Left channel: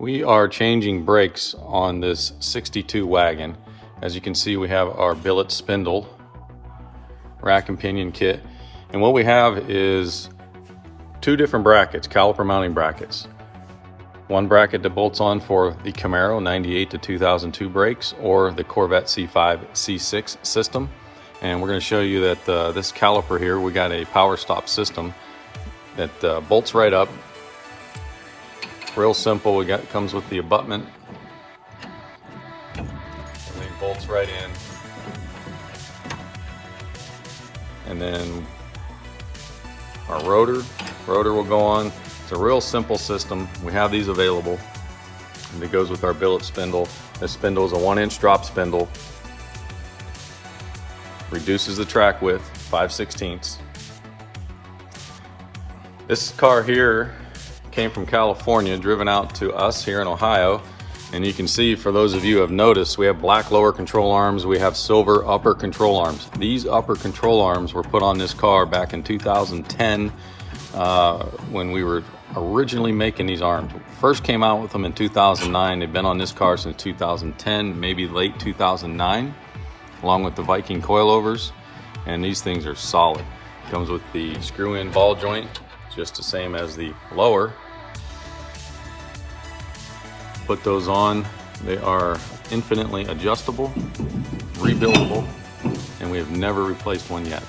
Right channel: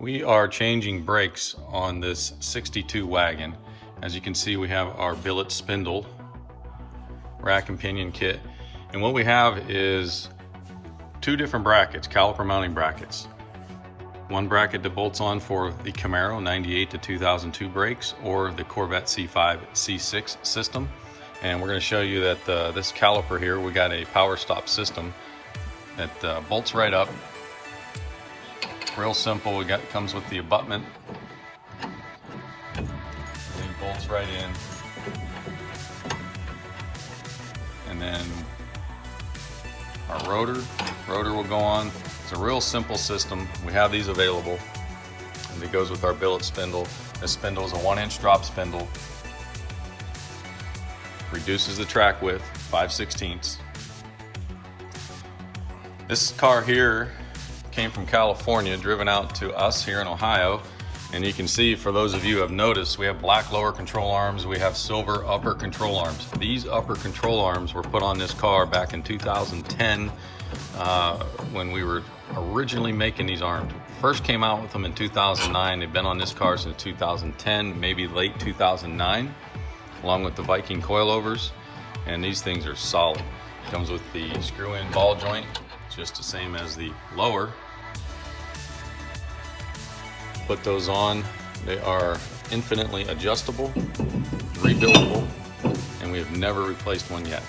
We are changing brakes on this 62 wagon. As you can see, we have our billet spindle, rack and pinion kit. And what we have is two different brackets, caliper mounting brackets. One bracket that bolts on for the Camaro 98 to 2002 brakes or the Corvette C5, C6 system. And we're going to show you that this caliper here, we got a power stop system that bolts right up. Real simple. Comes with the abutment and bolts right in. And then our rotor will go on. It's a real simple system. We have these available, and it goes with our billet spindle. This spindle is a 1-inch drop spindle. Reduces the track width 5/16. This car here came from California, driven out to us here in Ohio. And you can see, for those of you who have noticed, we have black lower control arms, we have silver upper control arms. These upper control arms were put on this car back in 2010 when we were originally making these arms. First came out with them in 2009. They've been on this car since 2010, maybe late 2009, along with the Viking coilovers. And these things are solid. Comes with the screw-in ball joint, just the same as the lower. Put those on. They are infinitely adjustable, rebuildable, and we have never replaced one yet.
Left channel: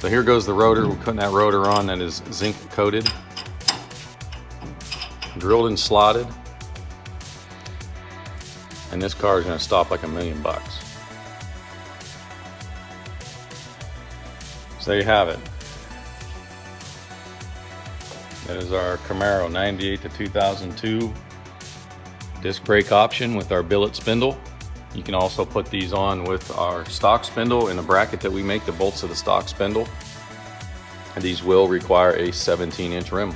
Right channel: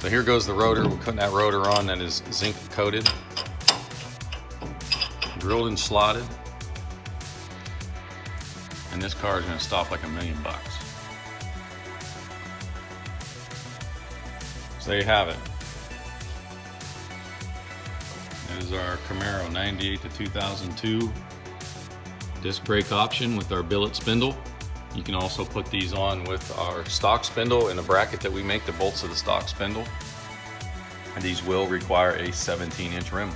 So here goes the rotor. We're putting that rotor on that is zinc coated, drilled and slotted, and this car is going to stop like $1 million. So there you have it. That is our Camaro 98 to 2002 disc brake option with our billet spindle. You can also put these on with our stock spindle in the bracket that we make the bolts of the stock spindle. And these will require a 17-inch rim.